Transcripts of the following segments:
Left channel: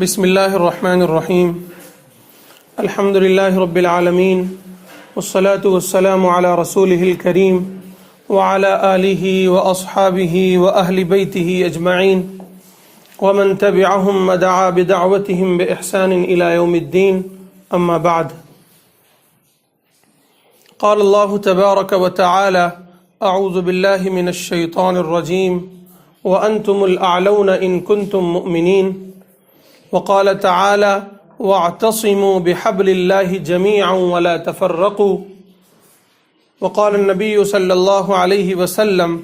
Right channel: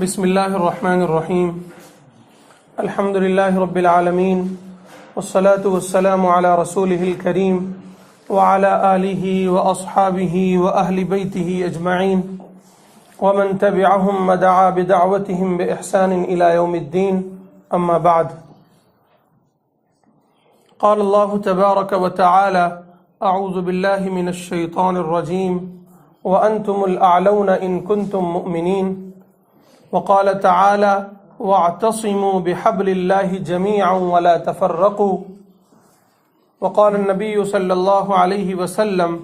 بسم اللہ الرحمن الرحیم الحمد للہ رب العالمین والصلاة والسلام علی رسولہ الکریم وعلی آلہ واصحابہ واہل بیتہ اجمعین ومن تبعہم ودعا بدعوتہم بإحسان الى یوم الدین اما بعد قال اللہ تبارک وتعالی اعوذ باللہ من الشیطان الرجیم وانتم الاعلون ان کنتم مؤمنین وقال تعالى واعتصموا بحبل الله جميعا ولا تفرقوا وقال النبي صلى الله عليه وسلم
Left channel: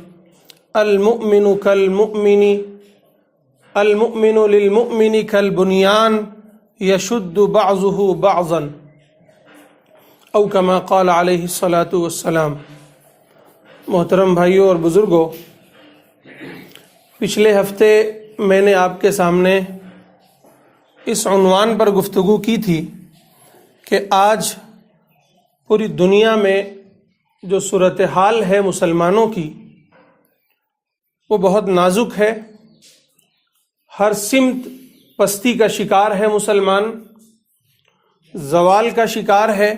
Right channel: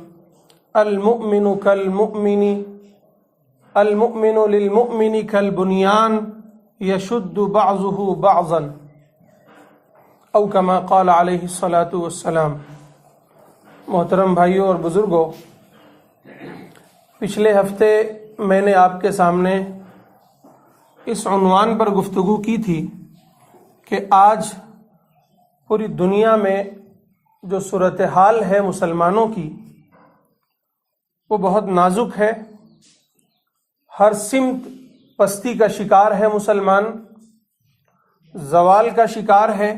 المؤمن للمؤمن كالبنيان يشد بعضه بعضا او كما قال عليه الصلاة والسلام۔ محترم بھائیوں اور بزرگوں، پچھلے ہفتے میں نے آپ کے سامنے اس عنوان پر گفتگو کی تھی کہ آج پوری دنیا میں جو صورتحال ہے مسلمانوں کی وہ بہت نازک ہے۔ ہر سمت پستی کا شکار ہے مسلمان، زوال کا شکار ہے،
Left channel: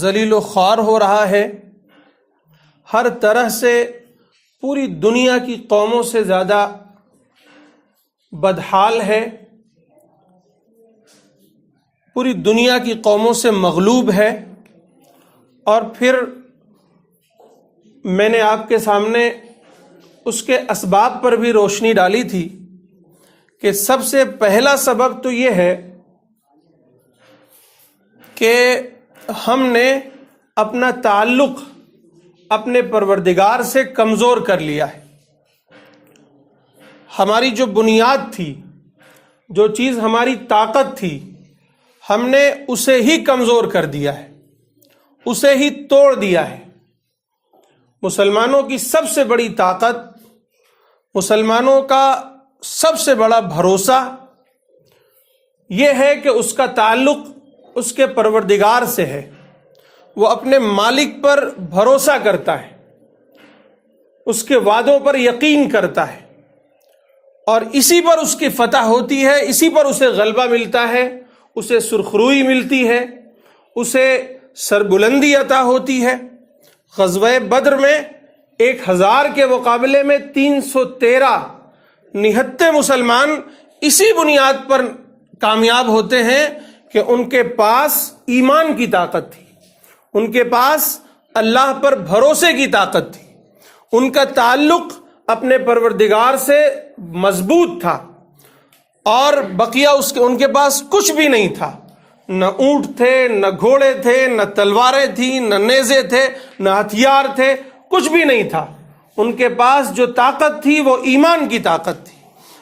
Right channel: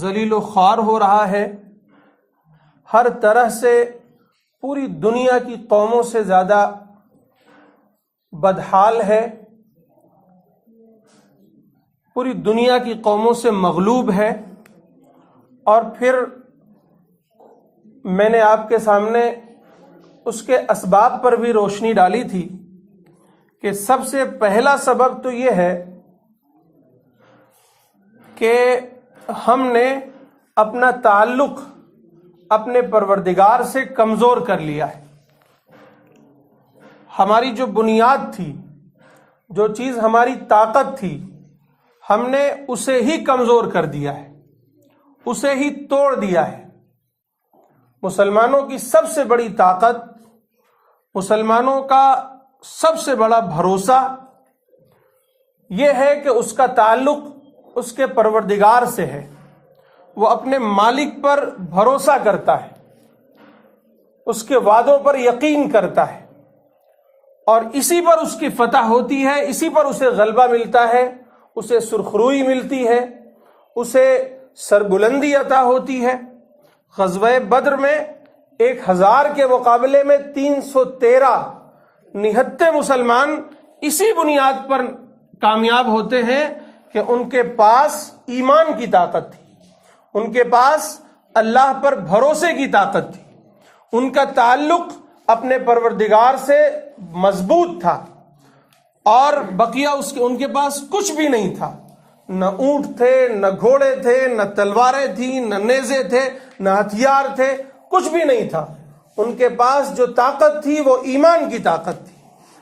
ذلیل و خوار ہو رہا ہے۔ ہر طرح سے پوری دنیا کی قوموں سے زیادہ بدحال ہے، پوری دنیا کی قوموں سے مغلوب ہے۔ اور پھر میں نے آپ کے سامنے اس کے اسباب پر بھی روشنی ڈالی تھی کہ سب سے پہلا سبب تو یہ ہے کہ ہم نے اپنا تعلق اپنے پروردگار سے کمزور کر لیا ہے۔ ہماری جو بنیاد تھی، جو چیز ہماری طاقت تھی، ہم نے اسے ہی کمزور کر دیا ہے، اسے ہی توڑ دیا ہے۔ مسلمانوں کی سب سے بڑی طاقت، مسلمانوں کا سب سے بڑا بھروسہ یہ ہے کہ اس کا تعلق اس کے پروردگار سے ہے۔ وہ اپنے مالک پر بھروسہ کرتا ہے، اس کے وعدوں پر یقین کرتا ہے، اور اسی پر اس کی فتح ہوتی ہے، اسی پر اسے غلبہ ملتا ہے، اسے سرخروئی ملتی ہے، اسے سربلندی عطا ہوتی ہے۔ غزوہ بدر میں 1000 کے مقابلے میں 313 نہتے مسلمان اسی بنیاد پر کامیاب ہوتے ہیں کہ ان کے پاس ایمان کی طاقت تھی، ان کے پاس اللہ پر بھروسے کی طاقت تھی، ان کا تعلق اپنے پروردگار سے مضبوط تھا، اور بقیہ ان کے پاس کچھ بھی نہیں تھا۔ نہ اونٹ تھے، نہ گھوڑے تھے، نہ تلواریں تھیں، نہ نیزے تھے، نہ ہتھیار تھے، کچھ بھی نہیں تھا۔ ان کے پاس جو طاقت تھی وہ ایمان کی طاقت تھی،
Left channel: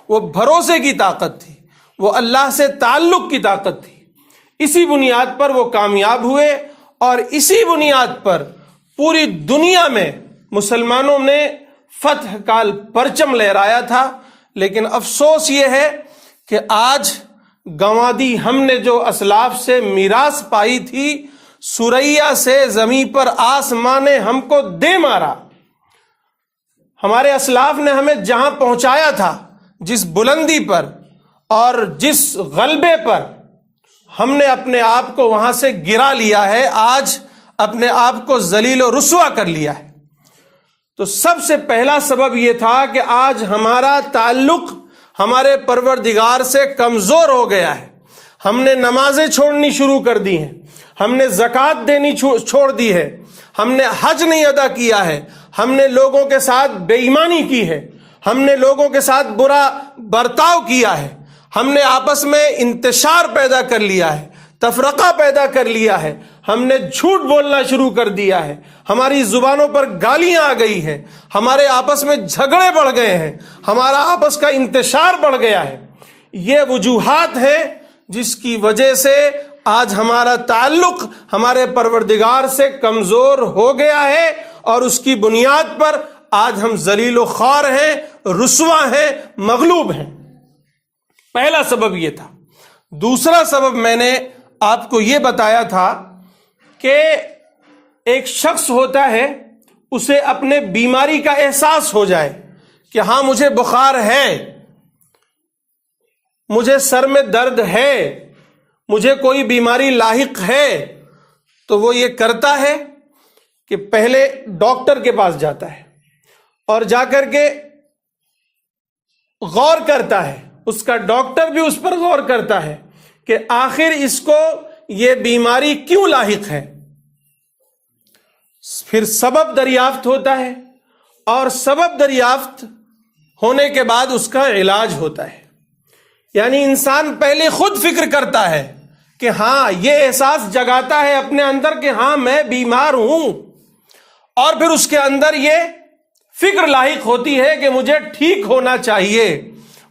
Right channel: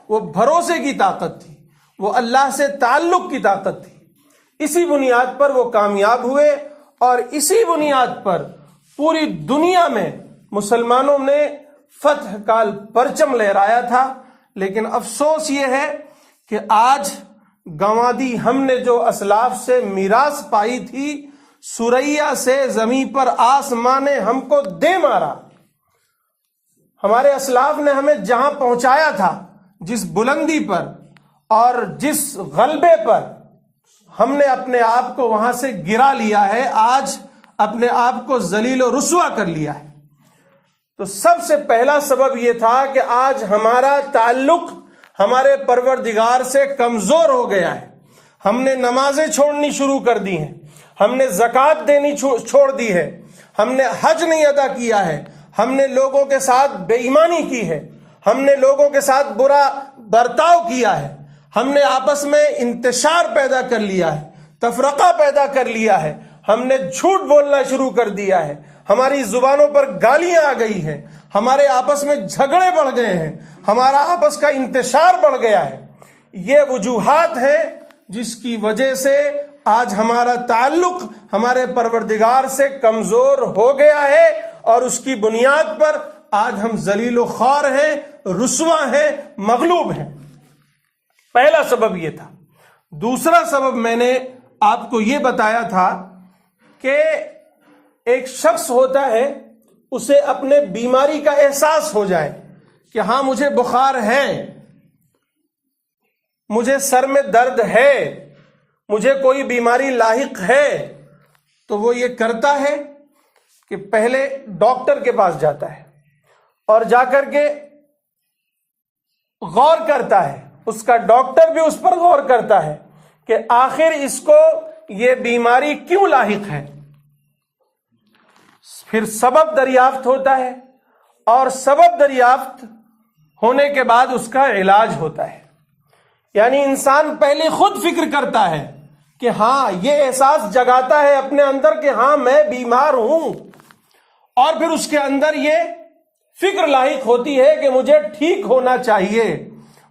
وہ بھروسے کی طاقت تھی، وہ اللہ سے تعلق کی طاقت تھی۔ اسی بنیاد پر وہ کامیاب ہوئے، اور اسی بنیاد پر پوری دنیا میں مسلمانوں نے فتح کا پرچم لہرایا تھا۔ لیکن افسوس یہ ہے کہ آج گنوا دی ہم نے جو اسلاف سے میراث پائی تھی، سریا سے زمین پر آسمان نے ہم کو دے مارا۔ ہمارے اسلاف نے ہمیں جہاں پہنچایا تھا، جس بلندی پر اور جس غلبے پر، ہم نے اپنے آپ کو وہاں سے گرا لیا ہے، آج اپنے آپ کو ذلیل و رسوا کر لیا ہے۔ تو سب سے پہلا سبب یہ تھا کہ آج ہمارا تعلق ہمارے پروردگار سے کمزور ہو گیا ہے۔ ہم نے نمازیں چھوڑنی شروع کر دی ہیں، ہم نے زکوٰۃ دینی چھوڑ دی ہے، ہم نے حج نہیں ادا کیا ہے، ہم نے لوگوں کے ساتھ بے ایمانی کی ہے، ہم نے لوگوں کے ساتھ برا برتاؤ کیا ہے، ہم نے آپس میں انتشار پیدا کر لیا ہے، تفرقہ پیدا کر لیا ہے، ہم نے جھوٹ بولنا شروع کر دیا ہے، ہماری زبانوں پر گالیاں آ گئی ہیں، ہمارے آپس میں جھگڑے بڑھ گئے ہیں، ہمارا آپس کا انتشار بڑھ گیا ہے۔ یہ وجوہات ہیں جس کی وجہ سے آج ہمارا تعلق ہمارے پروردگار سے کمزور ہو گیا ہے، اور اس کی بنیاد پر آج ہم ذلیل و خوار ہیں، رسوا ہیں، مغلوب ہیں۔ پہلا سبب یہ تھا۔ دوسرا سبب میں نے آپ کو یہ بتایا تھا کہ ایک شخص ہوتا ہے، اسے اپنے بیماری کا احساس ہو جائے کہ ہاں مجھے بخار ہے، مجھے سر میں درد ہے، مجھے کوئی بیماری لاحق ہے، تو وہ یہ کرتا ہے کہ پہلے ڈاکٹر کے پاس جاتا ہے اور جا کر کے غور کرتا ہے، اس کا ڈاکٹر بھی اس پر غور کرتا ہے کہ آخر اس کو یہ بیماری کیوں لاحق ہے، پھر سبب دریافت ہوتا ہے اور سبب دریافت ہونے کے بعد اس کا علاج ہوتا ہے۔ یعنی انسان پہلے خود فکر کرتا ہے کہ ہاں، یہ احساس جگاتا ہے اپنے اندر کہ ہاں میں بیمار ہوں، اور پھر اس کے اندر یہ فکر لاحق ہوتی ہے کہ مجھے ٹھیک ہونا چاہیے،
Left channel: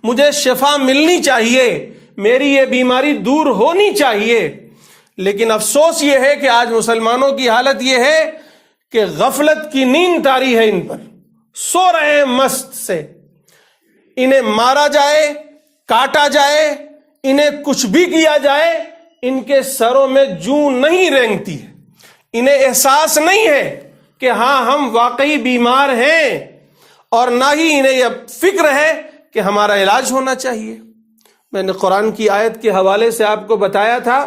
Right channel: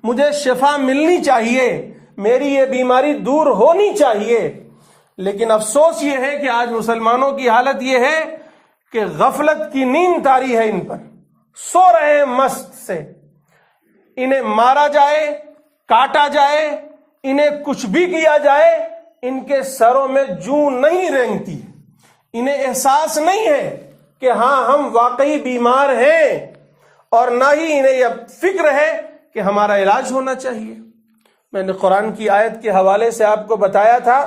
مجھے شفا ملنی چاہیے، میری یہ بیماری دور ہونی چاہیے۔ لیکن افسوس یہ ہے کہ آج مسلمانوں کی حالت یہ ہے کہ غفلت کی نیند طاری ہے ان پر، سو رہے ہیں مست سے، انہیں مارا جائے، کاٹا جائے، انہیں کچھ بھی کیا جائے، ان کے سروں میں جوں نہیں رینگتی ہے، انہیں احساس نہیں ہے کہ ہاں ہم واقعی بیمار ہیں، اور نہ ہی انہیں یہ فکر ہے کہ ہمارا علاج ہونا چاہیے۔ میں نے قرآن کی آیت کے حوالے سے آپ کو بتایا تھا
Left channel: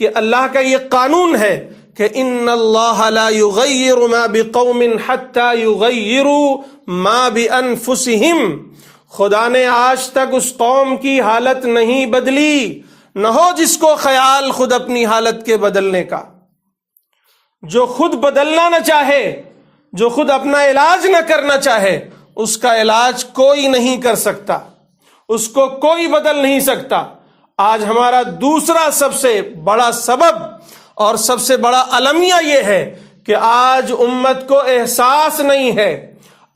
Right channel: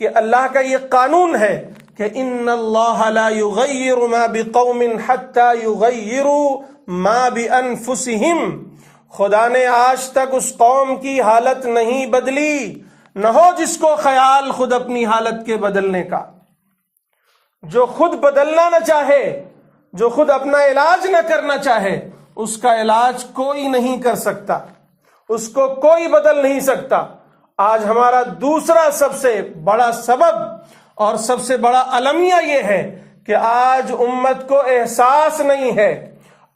کہ اللہ کا یہ قانون ہے کہ ان اللہ لا یغیر ما بقوم حتی یغیروا ما بانفسہم، خدا نے آج تک اس قوم کی حالت نہیں بدلی، نہ ہو جس کو خیال خود اپنی حالت کے بدلنے کا۔ جو خود بدلنا نہ چاہے، جو خود اپنا علاج نہ کرنا چاہے، اس کا علاج کوئی نہیں کر سکتا، اس کو کوئی بدل نہیں سکتا۔ آج ہمارا دوسرا سب سے بڑا سبب اور سب سے بڑا المیہ یہ ہے کہ آج امت کو احساس نہیں ہے،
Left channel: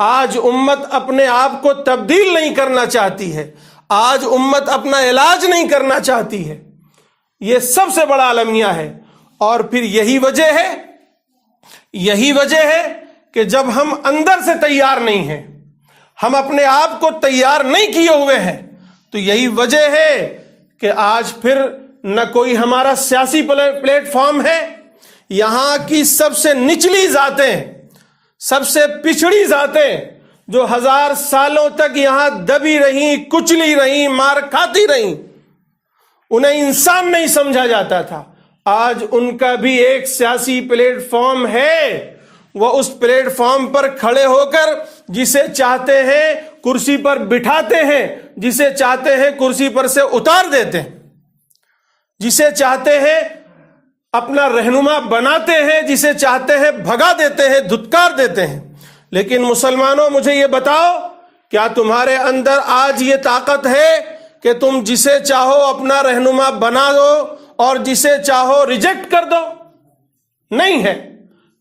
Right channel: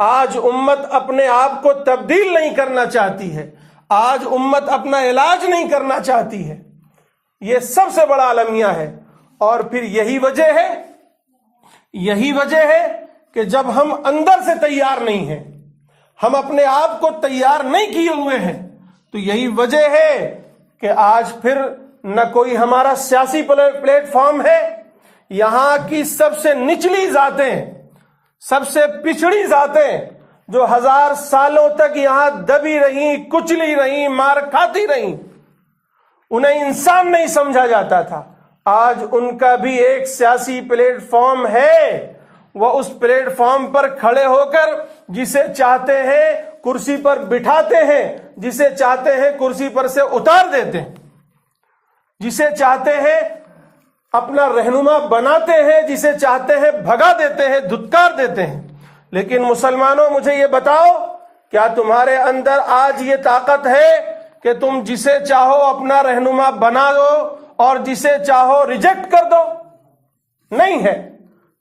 آج امت اپنے آپ کو تبدیل نہیں کرنا چاہتی ہے، آج امت اپنا علاج نہیں کرنا چاہتی ہے۔ یہ سب سے بڑا المیہ ہے۔ اور پھر یہی وجہ ہے کہ جب ہم اندر سے تیار نہیں ہیں، ہم اپنے آپ کو تیار نہیں کیے ہوئے ہیں، تو یہی وجہ ہے کہ آج پھر نہ کوئی ہمارا سیاسی پلیٹ فارم ہے، یہاں کی سب سے نچلی ذاتیں، سب سے پچھڑی ذاتیں جو 1000 سالوں تک یہاں دبی رہیں، کچلی رہیں، مار کھاتی رہیں، انہیں انسان نہیں سمجھا جاتا تھا، آج ان کا بھی ایک سیاسی پلیٹ فارم ہے۔ وہ اس پلیٹ فارم پر کھڑے ہو کر جسے چاہتے ہیں کرسی پر بٹھاتے ہیں، جسے چاہتے ہیں کرسی پر سے اتار دیتے ہیں، جسے چاہتے ہیں اپنا رہنما بناتے ہیں، جسے چاہتے ہیں بھگا دیتے ہیں، دھتکار دیتے ہیں۔ لیکن مسلمانوں، مجھے یہ بتاؤ، کیا تمہارے اندر آج یہ طاقت ہے کہ تم جسے چاہو اپنا رہنما بنا دو اور جسے چاہو ریجیکٹ کر دو؟ نہیں ہے۔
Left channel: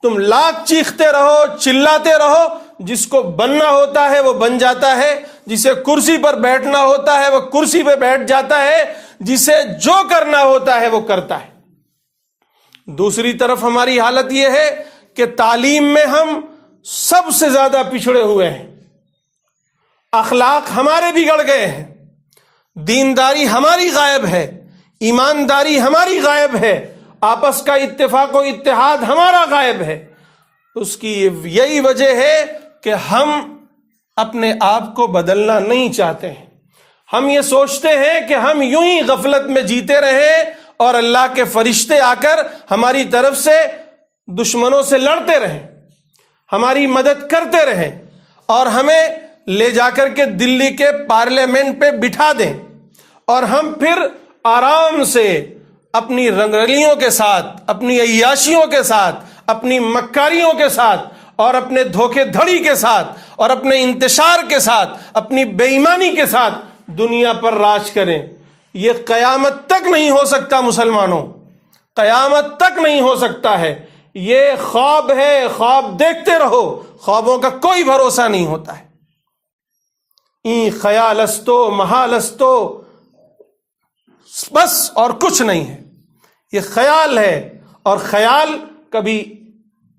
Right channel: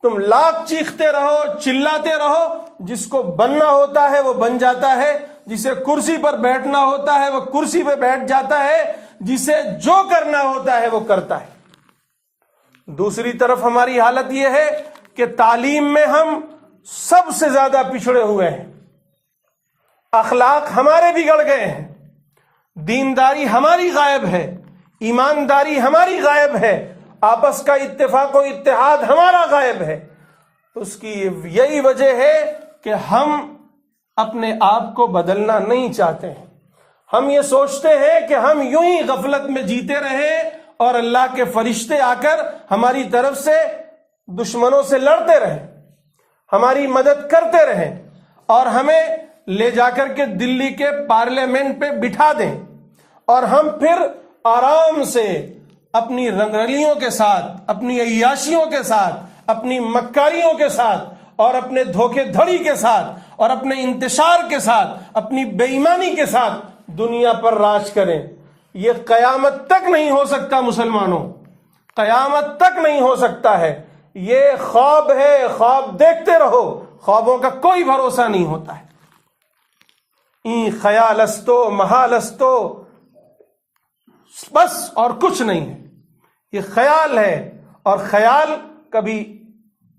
تم لاکھ چیختے رہو، چلاتے رہو، جس کو بننا ہوتا ہے وہ بن جاتا ہے، جسے کرسی پر بیٹھنا ہوتا ہے وہ کرسی پہ بیٹھ جاتا ہے، جسے جو کرنا ہوتا ہے وہ کرتا ہے۔ دوسری طرف ہماری حالت یہ ہے کہ تعلیم میں ہم سب سے زیادہ پچھڑے ہوئے ہیں، اخلاق ہمارے بگڑ گئے ہیں، دینداری ہماری غائب ہے، ایمانداری ہماری غائب ہے، آپس کا اتفاق و اتحاد ہمارا غائب ہے۔ اس کی یہی وجہ ہے کہ ہم اپنے آپ کو بدلنا نہیں چاہتے ہیں۔ ہم یہ سوچتے ہیں کہ ہم یوں ہی غفلت میں جیتے رہے اور اللہ کے فرشتے آ کر ہماری طرف سے دشمنوں سے لڑتے رہے، ہماری مدد کرتے رہے، اور ہمیں لے جا کر کے دلی کے پارلیمنٹ پہ بٹھا دیں، اور ہم پھر آرام سے اپنی رنگرلیوں کے ساتھ، اپنی عیاشیوں کے ساتھ، اپنی مکاریوں کے ساتھ، اور اپنے دھوکے دھڑی کے ساتھ، اور اپنے انتشار کے ساتھ، اپنی بے ایمانی کے ساتھ دنیا پر راج کریں۔ یہ قیامت تک نہیں ہو سکتا مسلمانوں، قیامت تک نہیں ہو سکتا ہے۔ یہ خواب ہے، خواب دیکھتے رہو، خوابوں کا کوئی بھروسہ نہیں ہوتا ہے۔ این خیال استو محال استو، بس اور کچھ نہیں ہے، یہ خیال ہے، اور خیال کبھی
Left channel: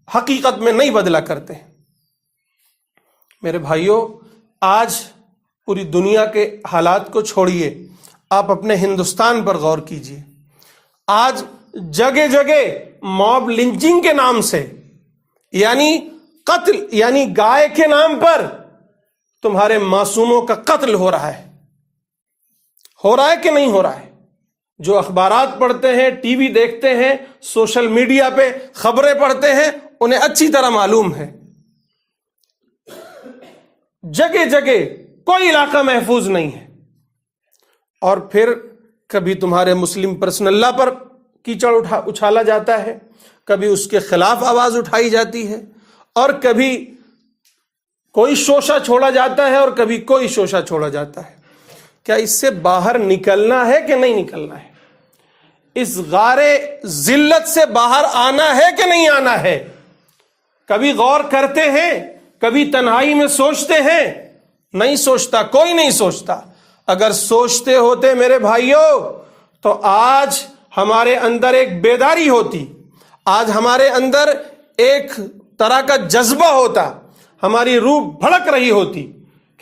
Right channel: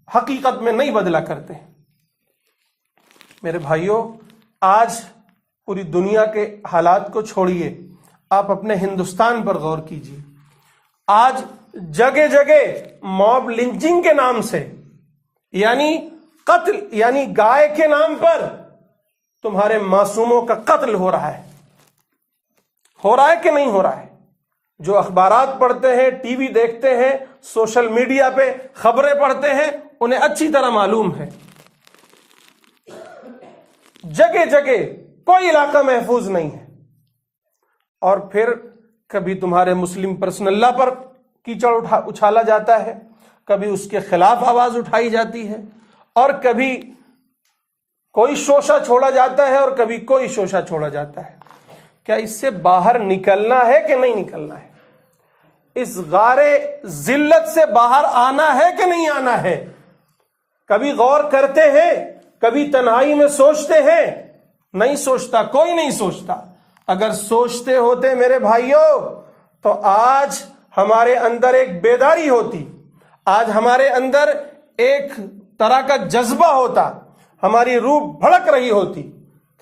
حقیقت میں نہیں بدلا کرتے۔ میرے بھائیوں، آج پوری دنیا کے حالات کو چھوڑیے، آپ اپنے ہندوستان پر غور کیجیے۔ آج جگہ جگہ موب لنچنگ کے نام سے، یعنی قتل، یعنی گائے کے نام پر تمہارے معصوموں کا قتل ہو رہا ہے، ہو رہا ہے کہ نہیں ہو رہا ہے؟ جو اخبارات پڑھتے ہیں، ٹی وی دیکھتے ہیں، سوشل میڈیا پہ خبریں پڑھتے ہیں، انہیں اچھی طرح معلوم ہے جگہ جگہ کوئی علاقہ محفوظ نہیں ہے۔ اور پھر کبھی تمہارے مسلم پرسنل لا پر کیچڑ اچھالا جاتا ہے، کبھی اس کے خلاف آواز اٹھائی جاتی ہے، اور کبھی کوئی شوشہ چھوڑا جاتا ہے اور کبھی کوئی شوشہ چھوڑا جاتا ہے۔ کیا اس سے باہر نکلنا ہے کہ نہیں نکلنا ہے؟ اس غار ذلت سے باہر آنا ہے کہ نہیں آنا ہے؟ کبھی غور کرتے ہیں، کبھی تنہائی میں سوچتے ہیں؟ نہیں سوچتا، کوئی نہیں سوچتا۔ اگر سوچتے ہوتے میرے بھائیوں تو آج ہمارے اندر ایک بیداری ہوتی، آج ہمارے اندر ایک طرح کا جذبہ ہوتا، ہماری روح بھڑک رہی ہوتی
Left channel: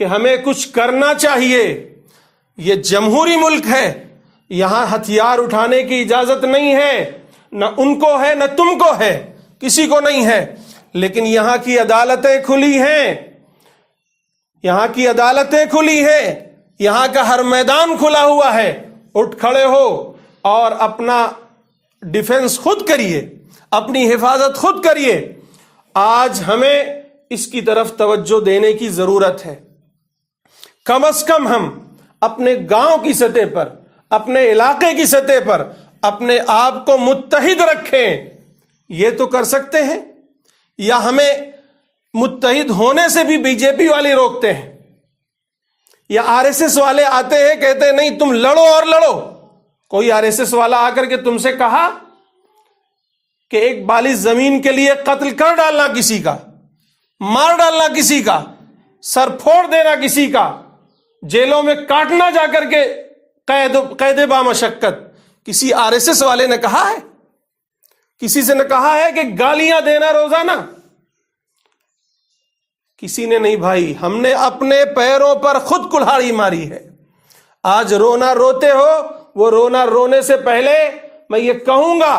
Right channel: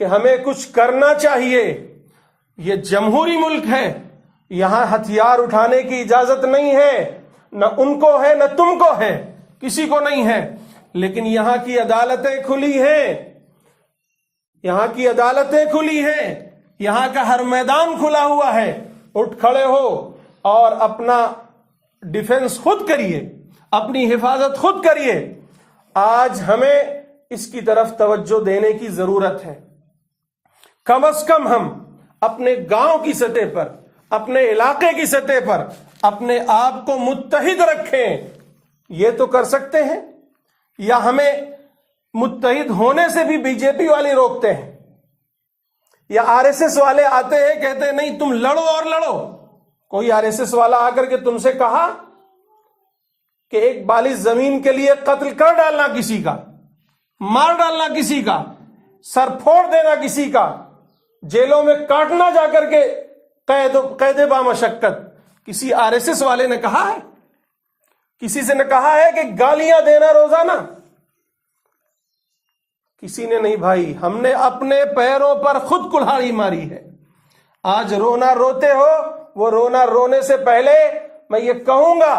کہ ہمیں کچھ کرنا چاہیے۔ یہ جمہوری ملک ہے، یہاں ہتھیار اٹھانے کی اجازت نہیں ہے، نہ ان کو ہے نہ تم کو ہے، کسی کو نہیں ہے، لیکن یہاں کی عدالتیں کھلی ہیں، یہاں کی عدالتیں کھلی ہیں، یہاں کا ہر میدان کھلا ہوا ہے۔ اٹھ کھڑے ہو اور اپنا ڈیفنس خود کریے، اپنی حفاظت خود کریے۔ آج ہمیں اس کی طرف توجہ دینے کی ضرورت ہے۔ کم از کم ہم اپنے گاؤں کی سطح پر، اپنے علاقے کی سطح پر اپنے آپ کو متحد رکھیں۔ یہ تو کر سکتے ہیں، یا ہمیں متحد ہونے سے بھی بی جے پی والے روکتے ہیں، یا آر ایس ایس والے آتے ہیں کہتے ہیں نہیں تم لڑو اور لڑو۔ کوئی آر ایس ایس والا آ کر کے تم سے کہا کہ ایک بالی زمین کے لیے قتل کر ڈالنا کسی کا، مار ڈالنا کسی کا، سر پھوڑ دینا کسی کا، جیلوں میں کاٹنا جا کر کے قید بامشقت، کسی آر ایس ایس والے نے کہا ہے؟ کسی سے نے کہا ہے کہ گالیاں دینا روزانہ؟ کسی نے نہیں بھائی۔ ہم نے اپنے پیروں پر خود کلہاڑی ماری ہے۔ آج رونا روتے ہو، وہ رونا رونے سے پہلے میں یہ کہوں گا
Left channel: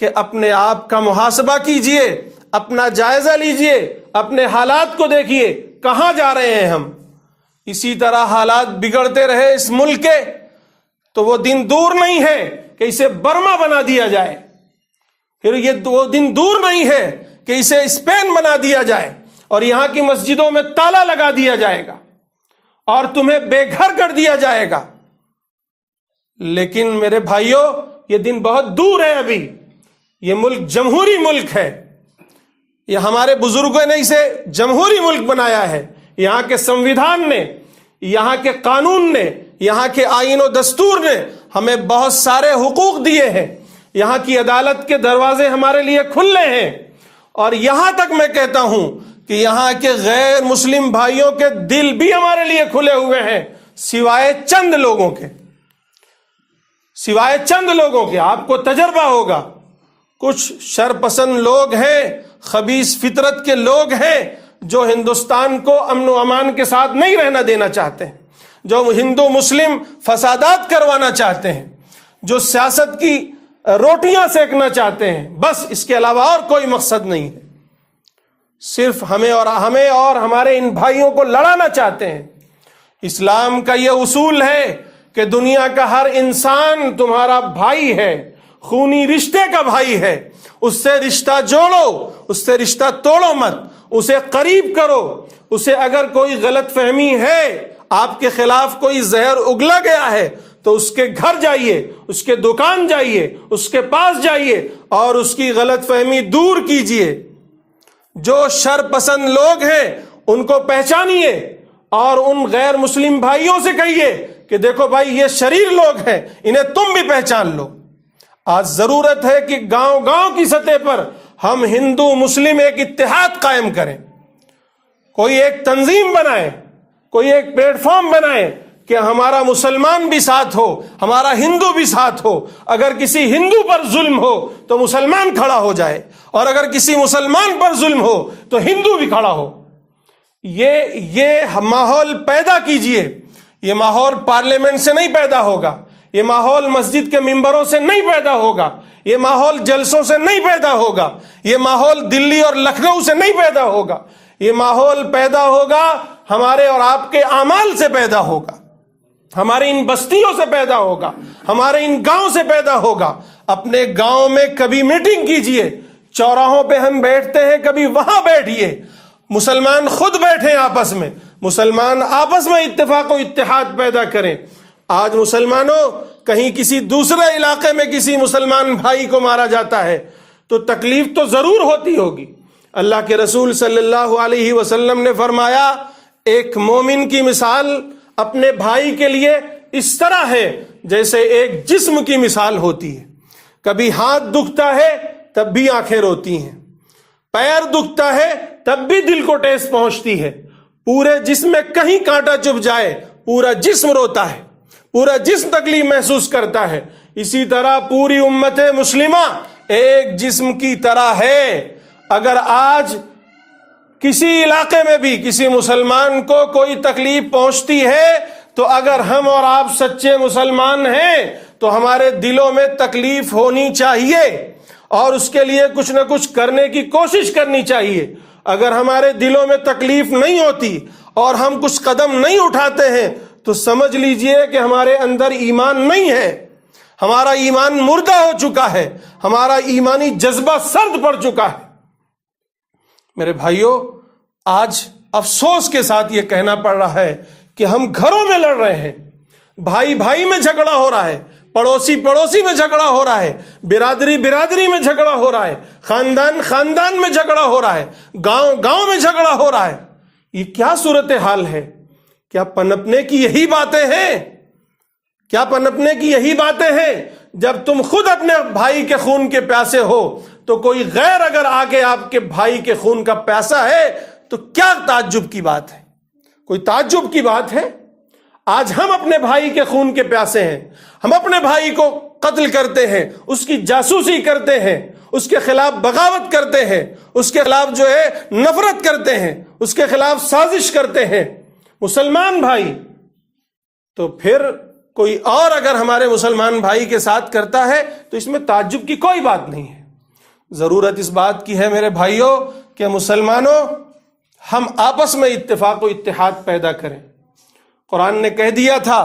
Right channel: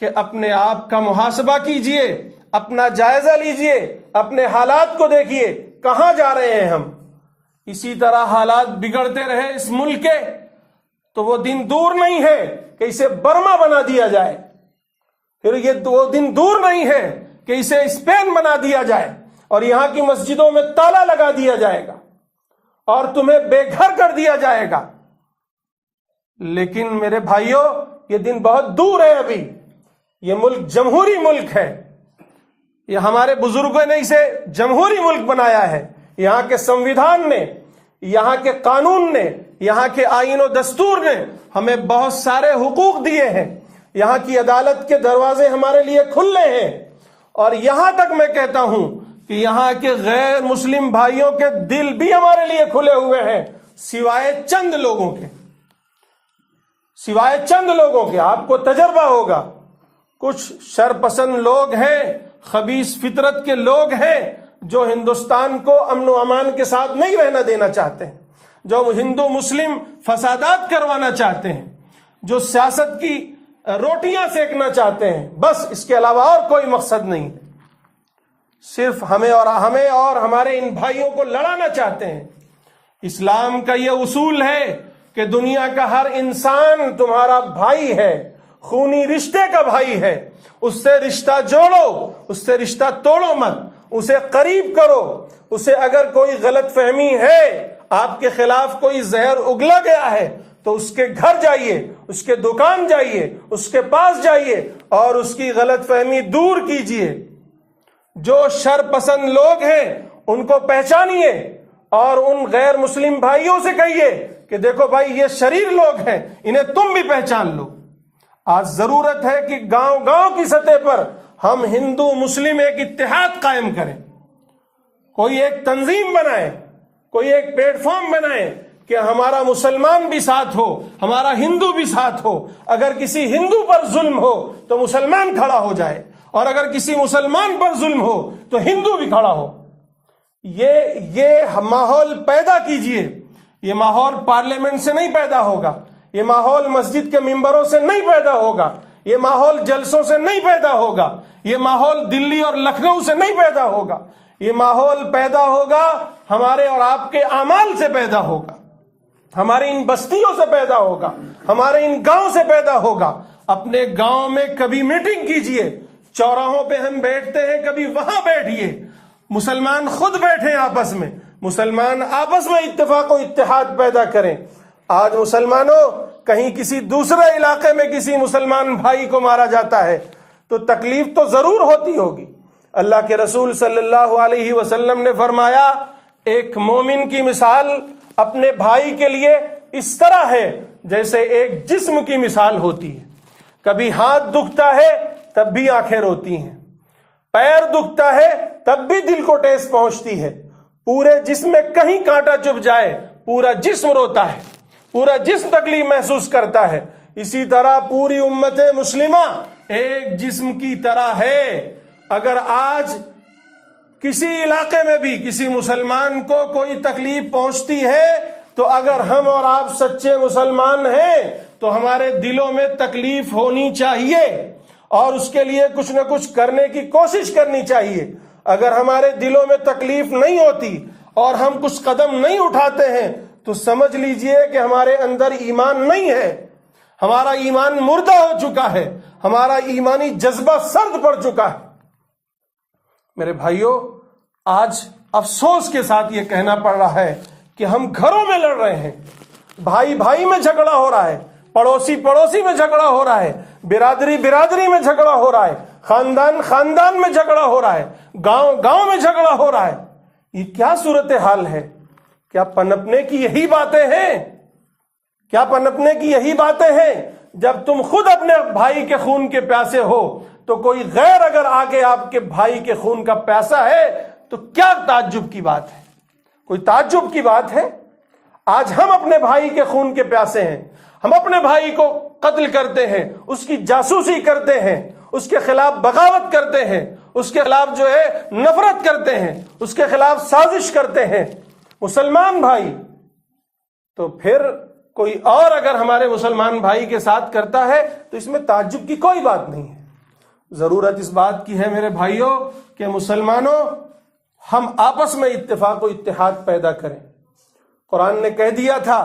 کہ اپنے آپ کا محاسبہ کیجئے، اپنا جائزہ لیجئے، اپنے حالات کو دیکھیے، کہاں جا رہے ہیں ہم؟ اسی طرح حالات بگڑتے رہے اس ملک کے تو وہ دن دور نہیں ہے کہ اسے برما بنا دیا جائے، پھر یہ وہ دن دور نہیں ہے کہ اسے اسپین بنا دیا جائے اور یہاں کی مسجدوں میں تالا لگا دیا جائے گا اور تمہیں بے گھر کر دیا جائے گا۔ لیکن میرے بھائیوں یہ دن بہت دور ہے۔ ابھی یہ ملک جمہوری ملک ہے، یہ ہمارے بزرگوں نے اسے جمہوری ملک بنایا ہے۔ یہاں کے سنویدھان نے، یہاں کے قانون نے، یہاں کے آئین و دستور نے ہمیں بہت سارے حقوق دیے ہیں۔ یہاں کی عدالت کے دروازے ہمارے لیے کھلے ہیں، اور یہاں تک میں کہتا ہوں کہ یہاں کے غیر مسلم بھائیوں کے دل بھی ہمارے لیے کھلے ہوئے ہیں، سوائے چند لوگوں کے، سوائے چند لوگوں کے۔ آپ کو تجربہ ہوگا، کچھ شرپسند لوگ ہیں، خبیث فطرت کے لوگ ہیں جو ہندوستان کو امن و امان کے ساتھ نہیں رہنا دینا چاہتے ہیں، جو ہندو مسلم فسادات کروانا چاہتے ہیں، جو سیاست کی روٹیاں سیکنا چاہتے ہیں، بس اس کے علاوہ اور کوئی مقصد نہیں ہے۔ صرف ہمیں اور ہمارے ان بھائیوں کو لڑانا چاہتے ہیں۔ اسلام کا یہ اصول ہے کہ دنیا کا ہر انسان تمہارا بھائی ہے، خونی رشتے کا بھائی ہے۔ اس سے رشتہ جوڑو، اس سے رشتہ توڑو مت، اسے قریب کرو۔ اسے اگر کوئی غلط فہمی ہے، آپ کے خلاف کوئی زہر اگلا گیا ہے تو اس کے گھر جائیے، اس کے دکان جائیے، اس کے پاس جائیے اور اس کی غلط فہمی دور کیجیے۔ جو شر پسند لوگ ہیں ان کو پہچانیے اور ان غیر مسلم بھائیوں سے کہیے کہ دیکھو بھائی یہ شریر لوگ ہیں، انہیں تم بھی پہچان لو۔ آج ضرورت ہے کہ گاؤں گاؤں کی سطح پر ہم ہندو مسلم ایک اتحاد قائم کریں، کوئی ایک تنظیم بنائیں، کوئی ایک پلیٹ فارم بنائیں کہ ہمارا مسلمان بھی ساتھ ہو، ہمارا ہندو بھی ساتھ ہو۔ اگر کسی ہندو پر ظلم ہو تو مسلمان کھڑا ہو جائے، اور اگر کسی مسلمان پر ظلم ہو تو ہندو بھی کھڑا ہو۔ یہ ماحول پیدا کیجئے۔ یہ ماحول پارلیمنٹ سے نہیں پیدا ہوگا، یہ ماحول مسجد کے ممبروں سے نہیں پیدا ہوگا، یہ ماحول جلسوں سے نہیں پیدا ہوگا، یہ ماحول دلی اور لکھنؤ سے نہیں پیدا ہوگا، یہ ماحول پیدا ہوگا ہمارے اور آپ کے اعمال سے پیدا ہوگا۔ ہمارے ان بستیوں سے پیدا ہوگا، ہمارے ان گاؤں سے پیدا ہوگا۔ اپنے گاؤں میں کبھی میٹنگ کیجئے، چوراہوں پہ ہم بیٹھتے ہیں، کبھی وہاں بیٹھیے، مسلمان خود بیٹھیں آپس میں، مسلمان آپس میں اتفاق و اتحاد پیدا کریں۔ آج مسلمانوں کہیں کسی دوسرے علاقے میں کسی مسلمان بھائی کو مارا جاتا ہے تو تکلیف تو ضرور ہوتی ہوگی۔ اللہ کے رسول صلی اللہ علیہ وسلم نے فرمایا، ایک مومن کی مثال اپنے بھائی کے لیے اس طرح ہے جیسے ایک جسم کی مثال ہوتی ہے۔ کبھی ہاتھ دکھتا ہے تب بھی آنکھیں روتی ہیں، پیر دکھتا ہے تب بھی دل کو ٹھیس پہنچتی ہے، پورے جسم میں کہیں کانٹا چبھ جائے پورا جسم روتا ہے، پورا جسم تکلیف محسوس کرتا ہے۔ اسی طرح پوری امت مسلمہ ایک جسم کی طرح ہے۔ اگر آج کسی علاقے میں بھی کسی مسلمان کو کوئی تکلیف پہنچتی ہے تو اگر ہم اور آپ سچے مسلمان ہیں تو ہمارے دلوں میں تکلیف ہونی چاہیے اور اس کے لیے کچھ نہ کچھ کرنے کی کوشش کرنی چاہیے۔ اگر ہمارے دلوں میں تکلیف نہیں ہوتی اور ہم کچھ قدم نہیں اٹھاتے ہیں تو سمجھ لیجئے کہ ہمارے اندر ایمان نہیں ہے، ہمارا ایمان مردہ ہو چکا ہے، ہمارا ایمانی جذبہ سرد پڑ چکا ہے۔ میرے بھائیوں، آج افسوس کے ساتھ یہ کہنا پڑ رہا ہے کہ ہم گھروں میں لڑ رہے ہیں، بھائی بھائی میں جھگڑا ہو رہا ہے، پڑوسی پڑوسی میں جھگڑا ہو رہا ہے، برادری برادری میں جھگڑا ہو رہا ہے، خاندان خاندان میں جھگڑا ہو رہا ہے، گاؤں گاؤں میں جھگڑا ہو رہا ہے۔ یہ کیا صورتحال ہے؟ کیا پنپنے کی یہی باتیں ہیں؟ کیا پنپنے کی یہی باتیں ہیں؟ جب تم خود اپنے بھائی کے خون کے پیاسے ہو تو کوئی غیر اگر آگے آپ کے بھائی کے خون کا پیاسا ہے تو کیا تعجب کی بات ہے؟ کوئی تعجب کی بات ہے؟ آج ہم اپنے بھائی کے خون کے پیاسے ہیں، ہم اپنے بھائی کو قتل کرتے ہیں، اس کی جاسوسی کرتے ہیں، اس کے خلاف بغاوت کرتے ہیں، اس کے خلاف جو ہے نفرت کرتے ہیں، اس کے خلاف سازش کرتے ہیں مسلمان بھائی۔ تو پھر کوئی اور اگر ہمارے مسلمان بھائی کے ساتھ کرتا ہے تو اس میں تعجب کی کوئی بات نہیں ہے۔ ضرورت اس بات کی ہے میرے بھائیوں کہ مسلمانوں ہم آپس میں اتفاق و اتحاد پیدا کریں۔ قرآن نے کہہ دیا تھا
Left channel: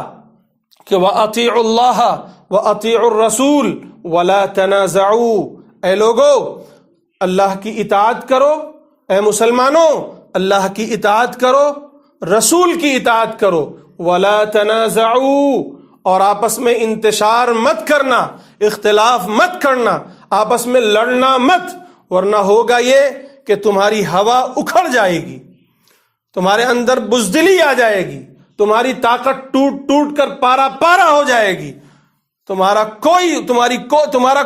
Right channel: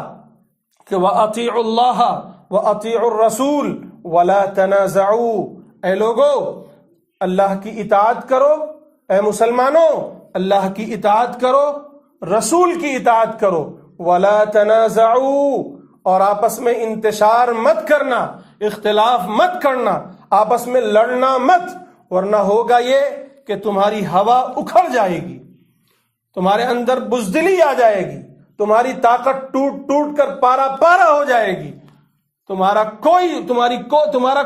کہ وَأَطِيعُوا اللَّهَ وَأَطِيعُوا الرَّسُولَ وَلَا تَنَازَعُوا، اے لوگو اللہ کی اطاعت کرو، اے مسلمانوں اللہ کی اطاعت کرو، رسول کی اطاعت کرو، وَلَا تَنَازَعُوا، اور آپس میں انتشار مت کرنا، اختلاف مت کرنا، آپس میں لڑنا مت، ورنہ ہوگا یہ کہ تمہاری ہوا اکھڑ جائے گی، تمہارے اندر بزدلی آ جائے گی، تمہاری طاقت ٹوٹ ٹوٹ کر پارا پارا ہو جائے گی، تمہارا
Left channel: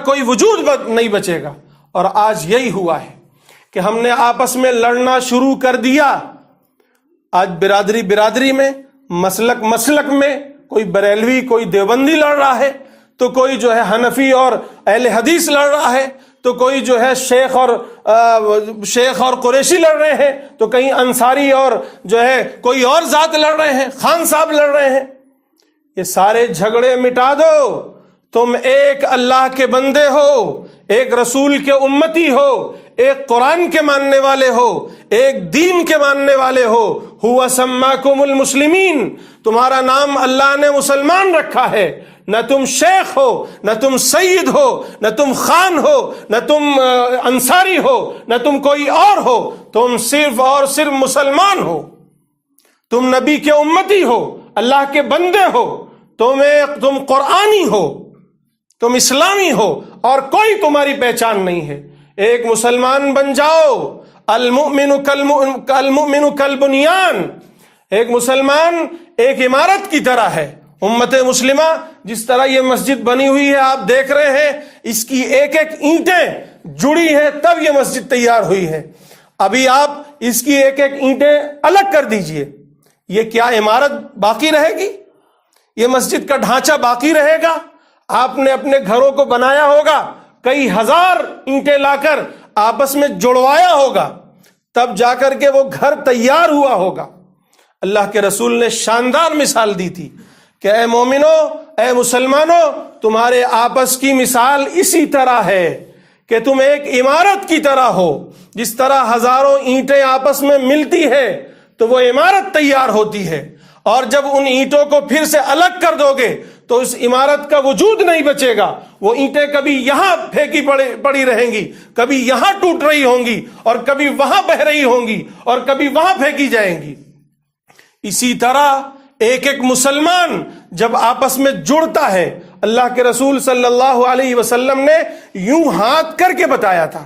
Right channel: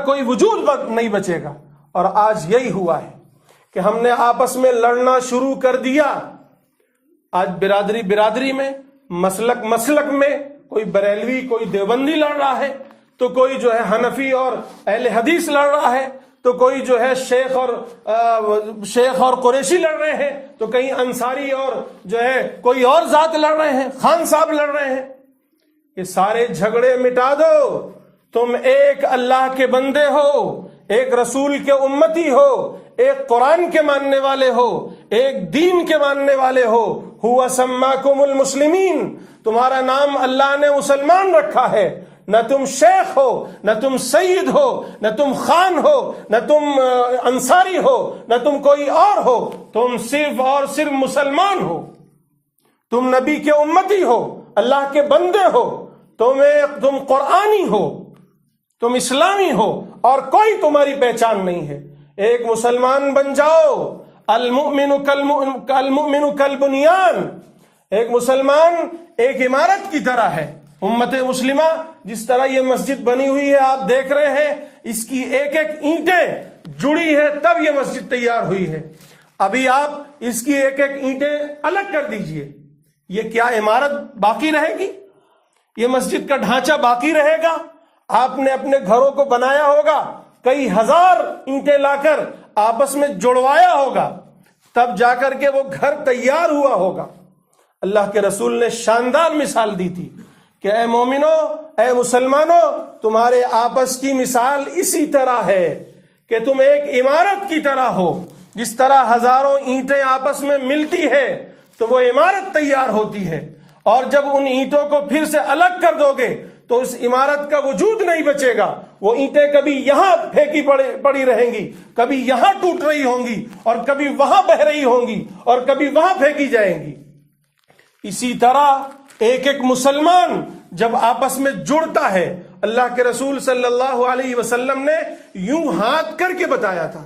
کوئی وجود نہیں بچے گا۔ اور آج یہی ہوا ہے کہ ہم نے آپس میں لڑنا شروع کر دیا۔ آج برادری برادری میں، مسلک مسلک میں، کوئی بریلوی کوئی دیوبندی لڑ رہا ہے، تو کوئی جو ہے حنفی اور اہل حدیث لڑ رہا ہے، تو کوئی جو ہے شیخ اور قریشی لڑ رہے ہیں، تو کہیں انصاری اور جو ہے کوئی اور ذات لڑ رہے ہیں، خان صاحب لڑ رہے ہیں۔ یہ سارے جھگڑے مٹا دو، تم ایک اللہ کے بندے ہو، ایک رسول کے امتی ہو، ایک قرآن کے ماننے والے ہو، ایک دین کے ماننے والے ہو۔ ہوا سماکم المسلمین، تمہارا نام اللہ نے مسلمان رکھا ہے، نہ تم شیخ ہو، نہ تم سید ہو، نہ تم خان ہو، نہ تم انصاری ہو، نہ تم کوئی اور ہو، تم صرف اور صرف مسلمان ہو، تم نبی کے امتی ہو، اللہ کے بندے ہو، تم قرآنی ہو، تم اسلامی ہو، اور کوئی تمہاری پہچان نہیں ہے۔ ایک مسلمان بن جاؤ، المؤمن کالبنیان، ایک مسلمان ایک عمارت کی طرح ہے۔ امت مسلمہ جس طرح یہ مسجد بنی ہوئی ہے آپ دیکھ رہے ہیں، اس کی ایک ایک اینٹیں جڑی ہیں تب یہ مسجد تیار ہوئی ہے۔ ابھی آپ اس کی ایک ایک اینٹیں الگ کر دیجئے، یہ کیا عمارت باقی رہے گی؟ یہ مسجد کا ڈھانچہ باقی رہے گا؟ آپ نے اپنے گھروں کو بنایا ہوگا، کئی ہزار اینٹیں لا کر آپس میں جڑوایا ہوگا، تب جا کر کے وہ گھر تیار ہوا ہوگا۔ اللہ کے رسول نے شاندار مثال دی تھی کہ اے مومنو، اے مسلمانوں، تمہارے آپس کی مثال اسی طرح ہے کہ تم ایک عمارت کی طرح ہو۔ جس طرح ہزاروں اینٹیں آپس میں ملتی ہے تو وہ عمارت تیار ہوتی ہے، اور جب ان اینٹوں کو پھر سے الگ کر دو گے تو اس عمارت کا وجود نہیں بچے گا. وہ اینٹیں کبھی یہاں پھینکی پڑی رہیں گی, کبھی یہاں ٹوٹ رہی ہوں گی, اور کبھی وہاں بہ رہی ہوں گی, اور کبھی وہاں پھینکی جائیں گی. اسی طرح ایک ایک مسلمان جب آپس میں جڑتا ہے, اللہ کے رسول صلی اللہ علیہ وسلم نے یوں ہاتھ کر کے بتایا تھا,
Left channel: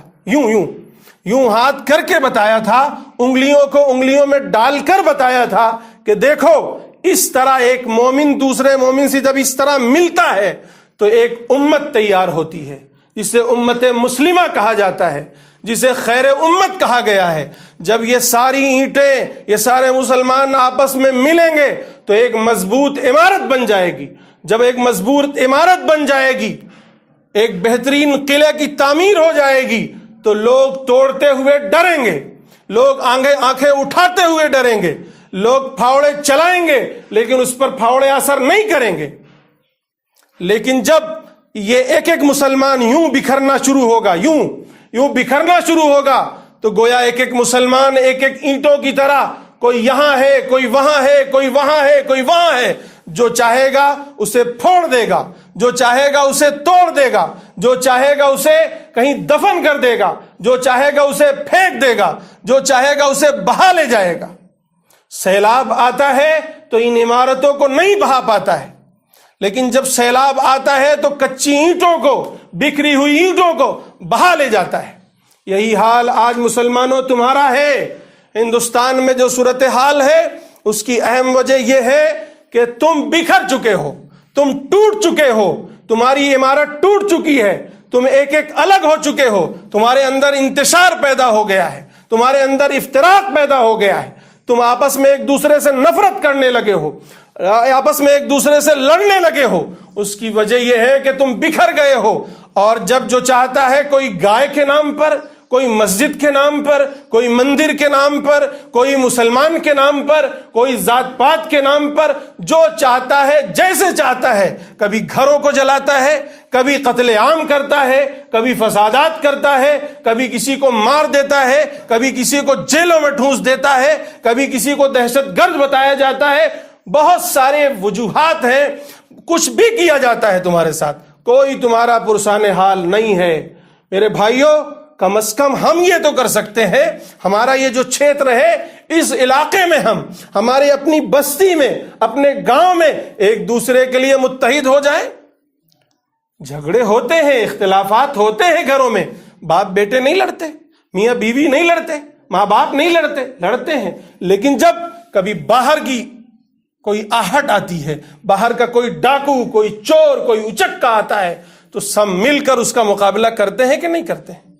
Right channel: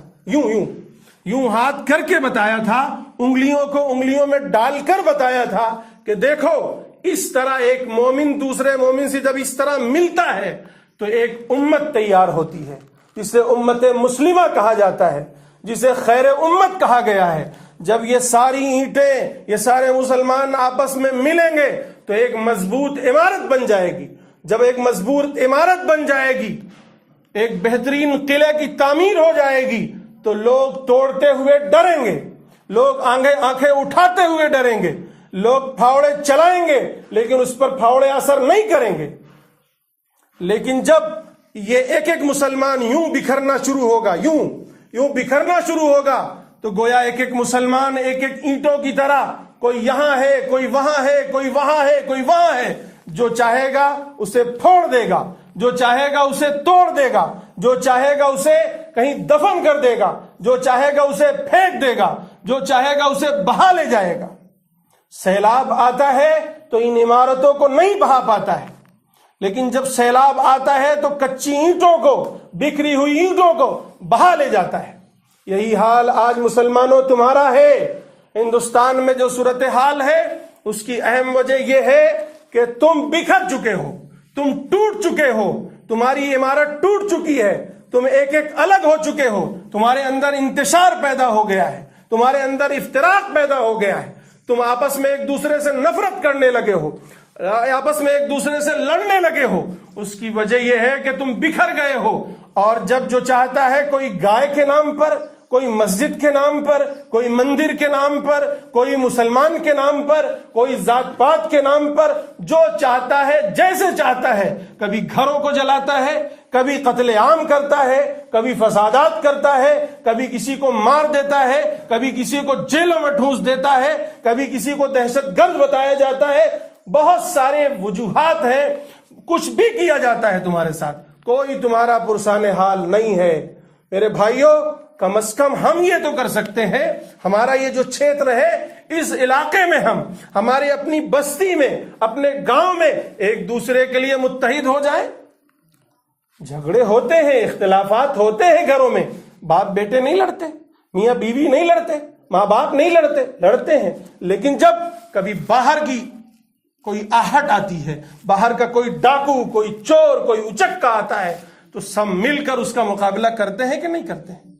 یوں ہاتھ کر کے بتایا تھا, انگلیوں کو انگلیوں میں ڈال کر بتایا تھا کہ دیکھو اس طرح ایک مومن دوسرے مومن سے جب اس طرح ملتا ہے تو ایک امت تیار ہوتی ہے, جسے امت مسلمہ کہا جاتا ہے, جسے خیر امت کہا گیا ہے. جب یہ ساری اینٹیں, یہ سارے مسلمان آپس میں ملیں گے تو ایک مضبوط عمارت بن جائے گی. جب ایک مضبوط عمارت بن جائے گی, ایک بہترین قلعہ کی تعمیر ہو جائے گی, تو لوگ توڑتے ہوئے ڈریں گے, لوگ آنکھیں اٹھاتے ہوئے ڈریں گے, لوگ پھاوڑے چلائیں گے لیکن اس پر پھاوڑے اثر نہیں کریں گے. لیکن جب یہ ایک ایک مسلمان یوں بکھرنا شروع ہوگا, یوں بکھرنا شروع ہوگا, تو گویا ایک ایک مسلمان ایک ایک اینٹوں کی طرح, کوئی یہاں ہے, کوئی وہاں ہے, کوئی وہاں ہے, کوئی وہاں ہے, جو چاہے گا اسے پھوڑ دے گا, جو چاہے گا اسے توڑ دے گا, جو چاہے گا اسے کہیں دفن کر دے گا, جو چاہے گا اسے پھینک دے گا, جو چاہے گا اسے بہا لے جائے گا. سیلاب آتا ہے تو ان عمارتوں کو نہیں بہا پاتا ہے, لیکن جب سیلاب آتا ہے تو کچی اینٹوں کو, بکھری ہوئی اینٹوں کو بہا لے جاتا ہے. یہی حال آج مسلمانوں تمہارا ہے. ہندوستان میں جو صورتحال ہے اس کی اہم وجہ یہ ہے کہ تم بکھر چکے ہو, تم ٹوٹ چکے ہو, تمہاری عمارت ٹوٹ چکی ہے, تم ایک ایک الگ ہو چکے ہو, تمہارے اندر انتشار پیدا ہو گیا ہے, تمہارے اندر افتراق پیدا ہو گیا ہے, تم آپس میں ایک دوسرے سے نفرت کرنے لگے ہو, آپس میں ایک دوسرے سے لڑنے لگے ہو. اس کی وجہ یہ ہے کہ تم بکھر گئے ہو. اور جب جو چاہتا ہے, کوئی گائے کے نام پر, کوئی مسجد کے نام پر, کوئی مندر کے نام پر, کوئی مسلمان کے نام پر, کوئی ذات پات کے نام پر, جو چاہتا ہے جیسے چاہتا ہے, کبھی گھروں کو جلاتا ہے, کبھی قتل عام کرتا ہے, کبھی فسادات کرتا ہے, کبھی کسی کو مار دیتا ہے, کبھی کسی کو جیلوں میں ٹھونس دیتا ہے, کبھی کسی کو دہشت گرد بتایا جاتا ہے. بہت سارے وجوہات ہیں, کچھ بھی کیا جاتا ہے تمہارے ساتھ, کوئی تمہارا پرسان حال نہیں ہے. میرے بھائیوں, کم از کم ہم یہ تو کر سکتے ہیں, ہمارا یہ جو چھیتر ہے, اس علاقے میں ہمارے اپنی بستی میں, اپنے گاؤں میں ایک دوسرے کے لیے متحد ہو جائیں. جھگڑے ہوتے ہیں, اختلافات ہوتے ہیں گھروں میں, باپ بیٹے نہیں لڑتے, میاں بیوی نہیں لڑتے, ماں باپ نہیں لڑتے ہیں. لیکن جب کبھی باہر کی کوئی آہٹ آتی ہے, باہر کا کوئی ڈاکو, کوئی چور, کوئی اچکا آتا ہے, تو سب مل کر اس کا مقابلہ کرتے ہیں کہ نہیں کرتے ہیں.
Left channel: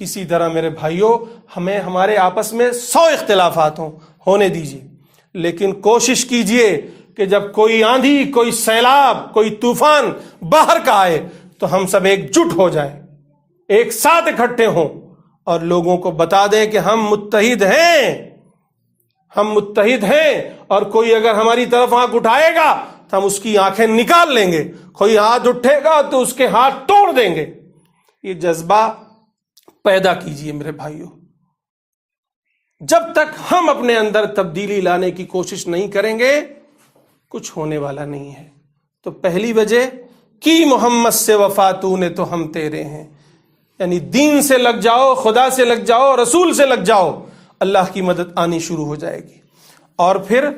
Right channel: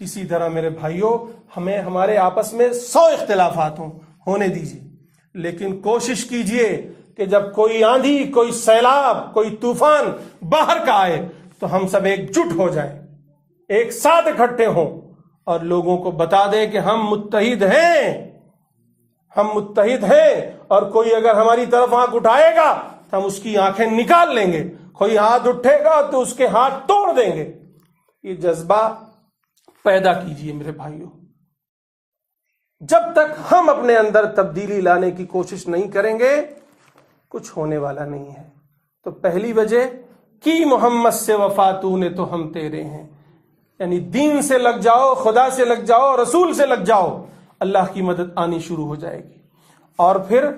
اسی طرح میرے بھائیوں, ہمیں ہمارے آپس میں 100 اختلافات ہونے دیجیے, لیکن کوشش کیجیے کہ جب کوئی آندھی, کوئی سیلاب, کوئی طوفان باہر کا آئے تو ہم سب ایک جٹ ہو جائیں, ایک ساتھ اکٹھے ہوں, اور لوگوں کو بتا دیں کہ ہم متحد ہیں, ہم متحد ہیں. اور کوئی اگر ہماری طرف آنکھ اٹھائے گا تو ہم اس کی آنکھیں نکال لیں گے, کوئی ہاتھ اٹھے گا تو اس کے ہاتھ توڑ دیں گے. یہ جذبہ پیدا کیجئے میرے بھائیوں. جب تک ہم اپنے اندر تبدیلی لانے کی کوشش نہیں کریں گے, کچھ ہونے والا نہیں ہے. تو پہلی وجہ کی محمد سے وفا تو نے تو ہم تیرے ہیں, یعنی دین سے لگ جاؤ, خدا سے لگ جاؤ, رسول سے لگ جاؤ, اللہ کی مدد آنی شروع ہو جائے گی. اور پھر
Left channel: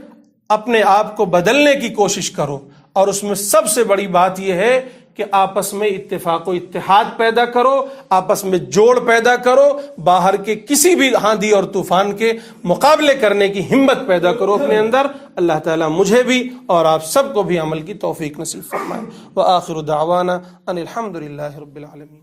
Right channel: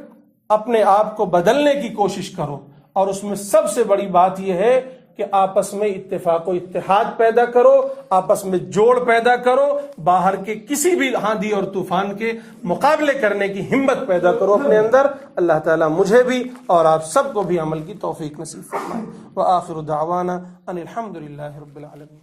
اپنے آپ کو بدلنے کی کوشش کرو, اور اس میں سب سے بڑی بات یہ ہے کہ آپس میں اتفاق و اتحاد پیدا کرو, آپس میں جوڑ پیدا کرو, باہر کے کسی بھی آندھی اور طوفان کے مقابلے کرنے کی ہمت پیدا کرو اپنے اندر. اللہ تعالیٰ مجھے بھی اور آپ سب کو بھی عمل کی توفیق نصیب فرمائے. وآخر دعوانا ان الحمد للہ رب العالمین.